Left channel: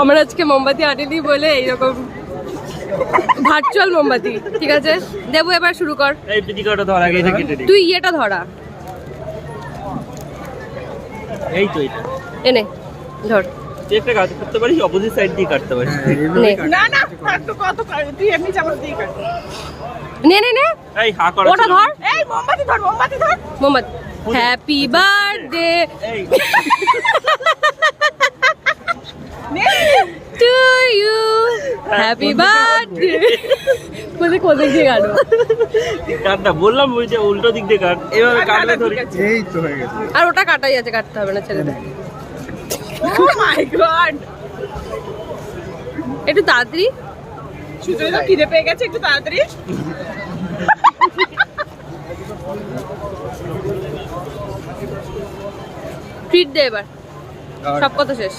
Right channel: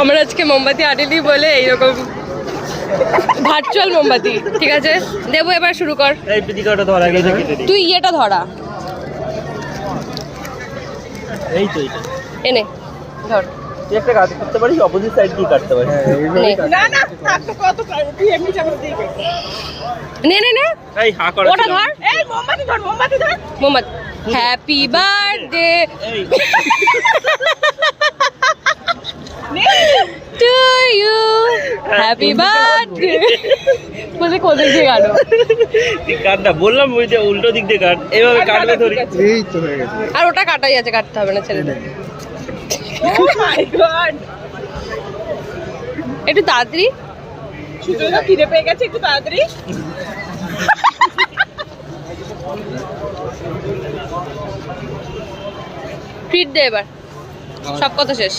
আমরা আজকে মোমবাতি আনিনি বলে এইরকম ভার্চুয়াল মোমবাতি। ঠিক আছে দেবো, এবার শুরু কর। তুই ইয়েটা ধরা, এই তো এনে ধর। তুই একটা কাজ করতে পারিস, অপোজিট সাইড দিয়ে কাটতে পারিস। না না তো কত তুই এমনি চামচ দিয়ে কাট। নে নে নে, এই হা কর, ওটা ধর। এই মোমবাতি ধর, মোমবাতি ধর। মোমবাতি। Happy birthday to you, happy birthday. বলে কোন দিক দিয়ে কাটো? কাটটা বললাম, ওই যে উল্টো দিক দিয়ে কাট, এইভাবে কাটলে ধরি। এই তো হয়ে গেছে। আর ওটা কাটাই আছে, কাটতে হবে না, ছেড়ে দে। ও মাই গড, একটু তাড়াতাড়ি। সুতরাং খিদে পেয়ে গেছে, একটু তাড়াতাড়ি। ট্রিট দে এবার, সব কথা শেষ।